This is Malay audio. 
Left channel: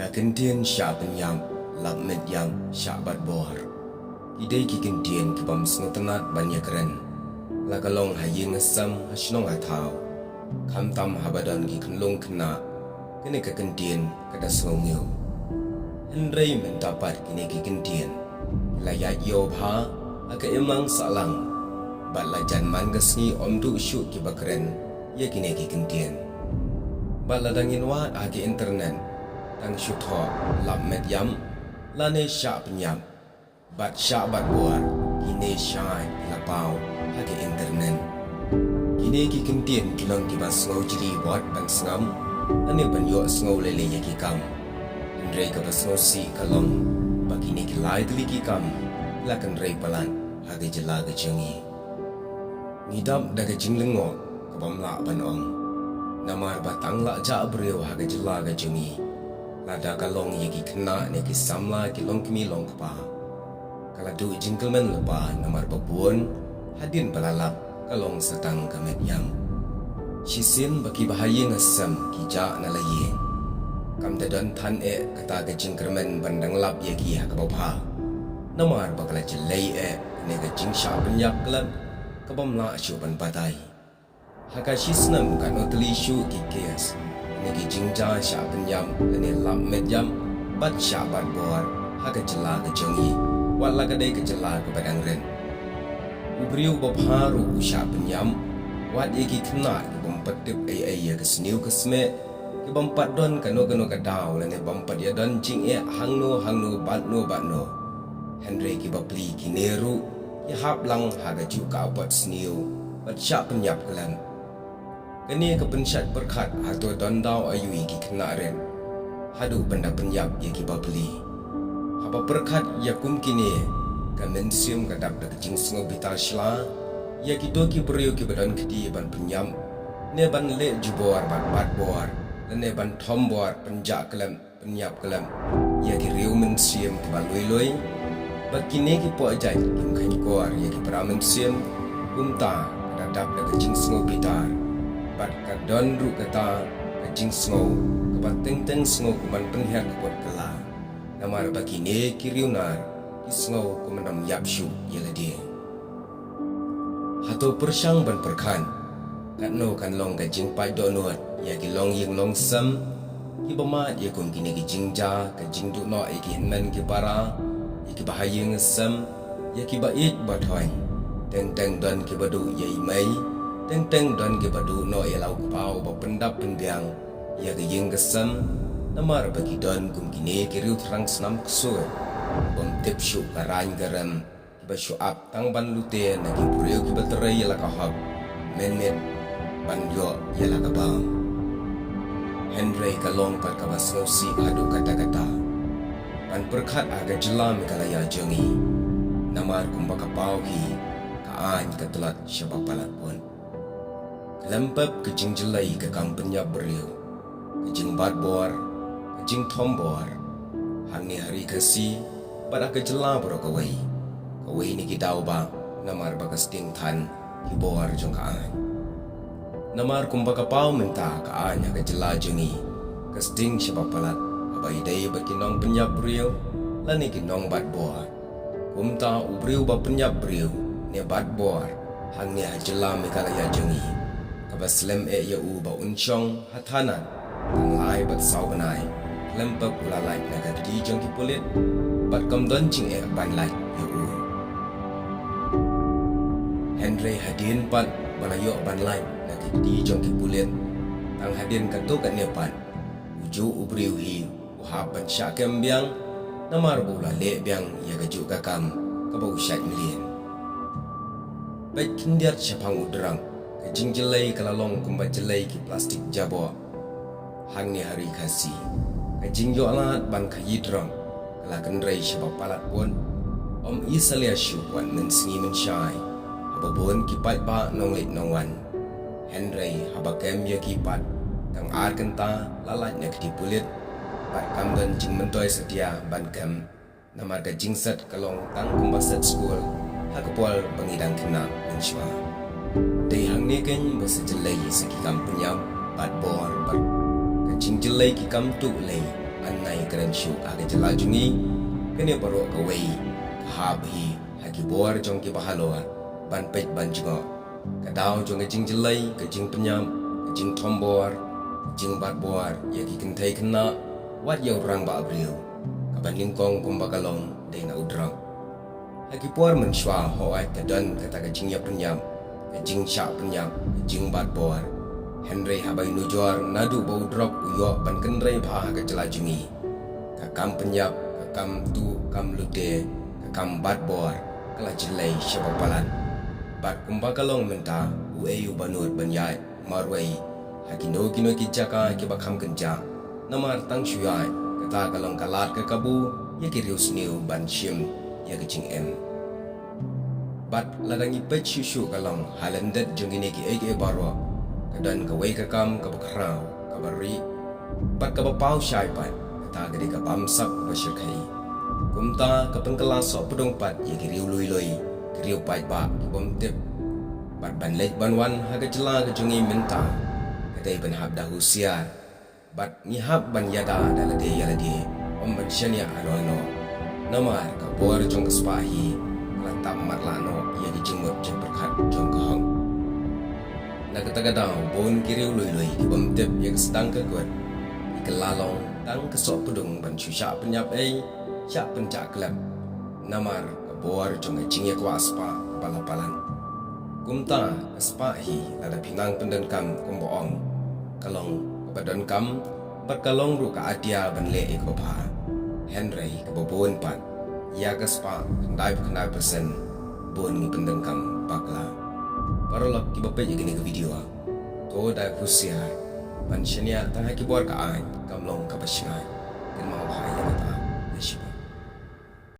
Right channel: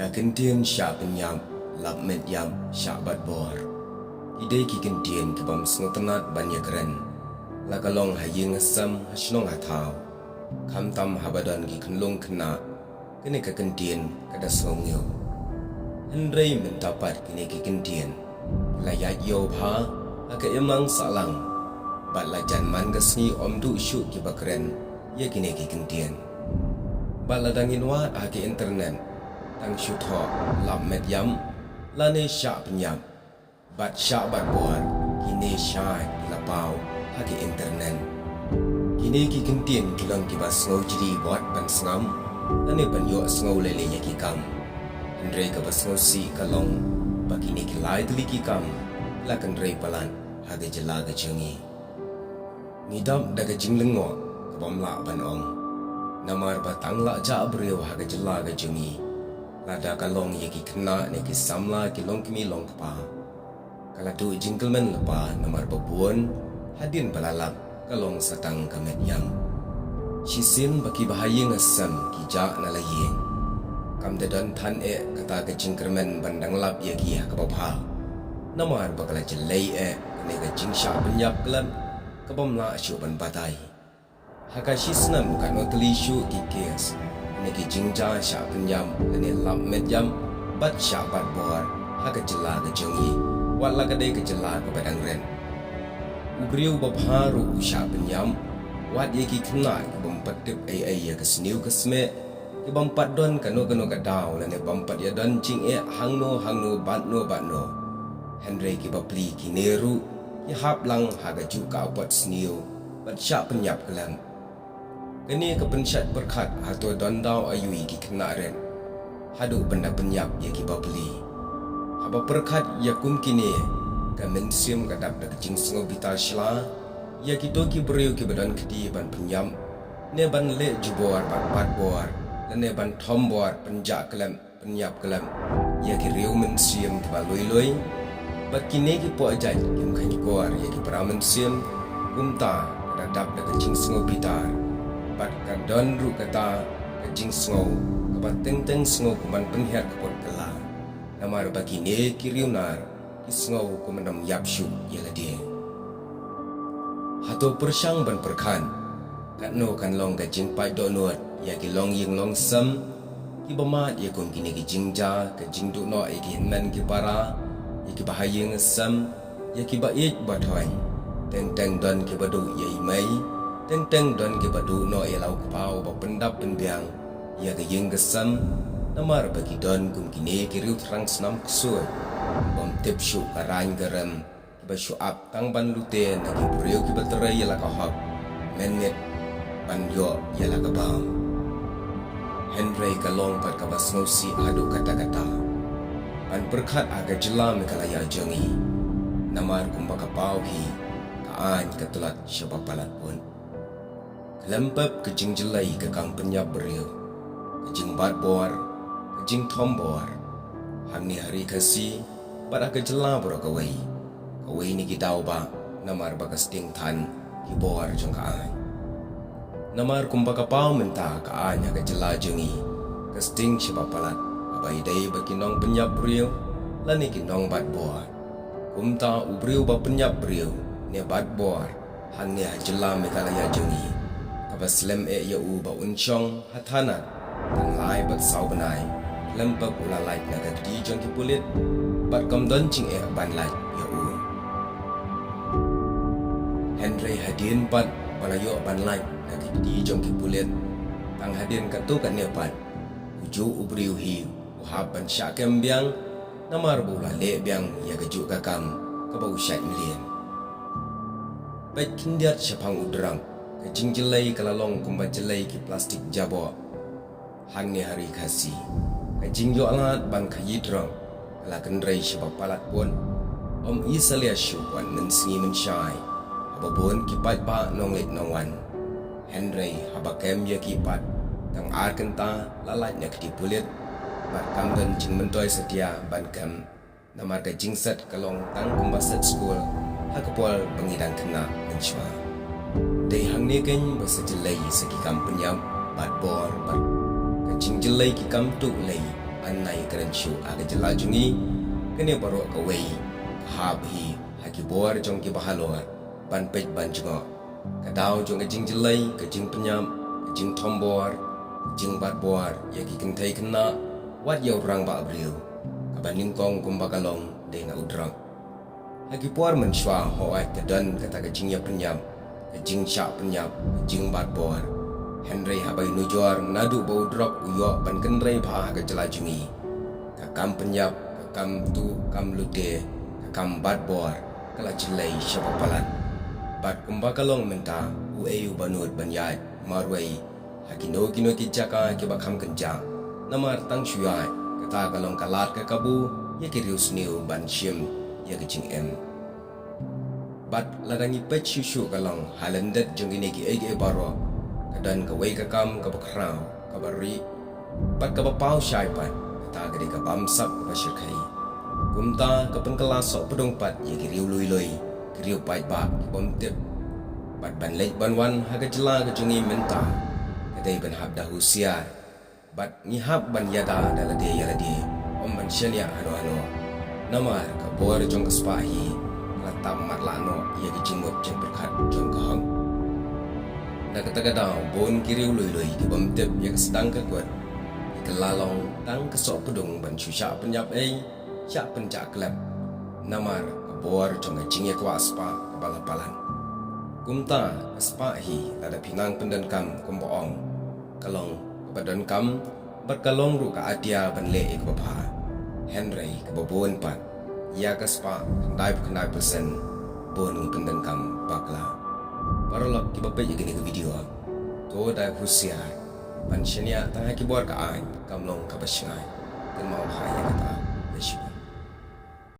Kakentian syak penyam, lap met yam syak bat bor. Idai ki kentian ke bam snotenat banyak keren. Lakalong haying asam hasnong atau. Kam tam habadan ki kenlong kena. Kene kakentian kada sngongyo. Hendrai mendapat kene ki kentian. Layat yo bha aka emang salang. Bat lajan man gasngi om du syuk ki bakren. Ya kene ki kentian. Bat ladangin wat ake internet. Tang syutho lap met yam lane syak penyam bat syak bat buar kini syai ilapau hake internet kini ki kentien kilong ki bas ngau jiri buat ban sengam ane ban yo ngau lele ya ki kam andre ka bas ngau si kalong bakini ki lai tli ki kam la kan rei palan hage jela ga jengi ngidam daga jinglengo ka bam la ban ong namar batang la ja breu hage jela ga jengi lada kalong yaki kena neki samla ki long kimi long kapa kala du jingkelmen lepa namar babuon hadin balalap kalong setang kamet yam shisin baki bahaya ngasam ki ja na layeng kam dadan than kata ke jingkermen bandang lap yaki hakabapha namar bakala jelai ne ga jingsha penyap kelam kabam la syu ban batai hakashisnam kan otli syu ki kes Niki jingja syak penyam lene lam met jam bat syak bat bor haga jela ke jengi wala kadai ke jela ke badang ren ubriu babharu syak penyam wat yeki kena ke bampatip ai ya ke sniu ke sme ke bampat don kano ka daw lene bampat ya don jing hangno batno Henry ki bapli ki neru ki hap lang haga ju ka pot sniu bat syak penyap kelam Kini kepensyat berkat atau dondau ayui ki kena ren. Hadu benda penyap ya ki babeli. Haba berkat ya kum kini ka mensim kadap da kecing sengo bital shla ya ki to ki beriu ki badan kedi ban penyam ne ban le jubor bat bor dan ne ban thom bor penjak kelam penyap kelam ya ki riu mensim ki baloi bat kini ki po ajat kim khani kor ya ki para mensim kumta kadap da kecing sengo bitar bat kadon ru kata kajing sngau kabat teng sngau kuman penhiar kapot kala namar bakine kiriunar ki sngau kumanam yapshu yala dia hato persyang ban perkan katno kan long kajing pai donot ya ki long ying long sam ki bamat ya kun kini ki jingja kajing du no ki henman ki para ya ki bahaya ngesam ya ki bait bathoy teng don ki badu ya imai Teng don ke badu no elau kepau ba pendap penbiang ya ke yeng gesam namar bagi don kum kini kiriu terang senam kesuai bom tip syu karang garam ki ba syuap tang ban lute na ki buriu ki baterai ya la ka hab menmet ban yo ya la ka bam Henry kalong pat ka bas ngausi adu kata-kata ban berkat aga jelam kalaya jengi namar kum ba kapau hi kaan ketelat syabab palat pun Kelempap kejing jelai ke kam penyap beriu Kejing bat bor Kejing tom bor Hang ni hari kasi Pada ke jela bro kawai Kawai ni kitau ba Namar baka sting tan Ki bor jong kaan Namar kumpa kapau mentah kaan ya ke jela jengi Ke sting syabab palat Abai day berkinong penyap beriu Lani kinong bat bor Kumta ubriu ba penyap beriu Ne bat bor Hang ni hajela mekalaya jengi Kabaslem ya u ba unchong hatanan tang lai bat sau banai lempap ulalai na gadi jong ki pulit bat kam don jing ban lai ya u Henry hadin pat balayo ban lai na gadi jong ki pulit tang hadin katu kat ne pat uju ubriu hi uhab ban syak kembiang namar bula le biang ya gaju kakam kabau syat million bat kindiat syapang udrang Kejing jelai kalalong kumba jelai ki plastik jabo Hang ni hari kasi Kejing yo alat ban kayi drang Kala kendrai syabab palat pun Om isalia syuk wan mensengi mensyai Haba bon kipat ba nong lit nong wan Henry haba kem ya kipat Tang ar kenta lalat nya kedi pulit Bat kam dan jing mentoy setia ban kem Namar kejing set kalong tang kumba set school Hakapol bangidang kena mensyua Day hang ni kan bersejelai segi kam penyam bat bor bat kecing jelai ki kam tu lei annai keren syu aga jelajungi kene baru kawai habhi hagi bor jong ki bahalor ban pej ban jungo kadau jong jing jelai ke jing penyam ke jing tombor jing bat bor ya ki kentai kena wat yau rang ba abriu kaban ningkong kumbakalong de na udrang hagi bor menshwa hoat kadan kata ke jing ya penyam ke jing sya penyam ke jing bat bor Henry habai nujor nadu bau drok uyo ban kenrai bah ke jelajungi kakam penyap kakam tu kam lute kakam bat bor kala jelai syabapalan bat kumbakalong menta ueu banut banyai marwai hakino kino ki jaka ki bakam kenja namar tang syai kata kalong kalat ke kabu ye ki rius niu ban shim ye ke jing em bat ladangi pech syu kalong halendet jongine ki ege baro kadan kawai kakam kabakrau kabari pat kabapau syai pat kata gede kabamsap kabashirkai kumta kapengkela sok pedong pat ye kiriu lui kiriu pai ba kibomtip pat ban lej banwan haga jela kejungi menta kadai ban hab dahu siar bat ngihab ban yada dalade yalade om ban syania ano namar kabor jong kespahi latap matlano ye kijimut jeng perkat jong kahang nakatagadau bon kiriu lui kibomtip ye kesedang kekuat ikelalong tang kesok pedung ban susya penyap syak pencak klep namar kabor jong jing ye kwa spa balapalan kumta spa hi lada pinang pendenkam komboong kalong kebadan kam berkalong ru ka adia ban le ek bapa Henry kebobon pat ya ka spa kendai persen bon ngi pendenkam bakla parolak ki bape gini ke video to dai husiar ban shania tang ha ki bor ka ai kamlong ka basngai ken mau hai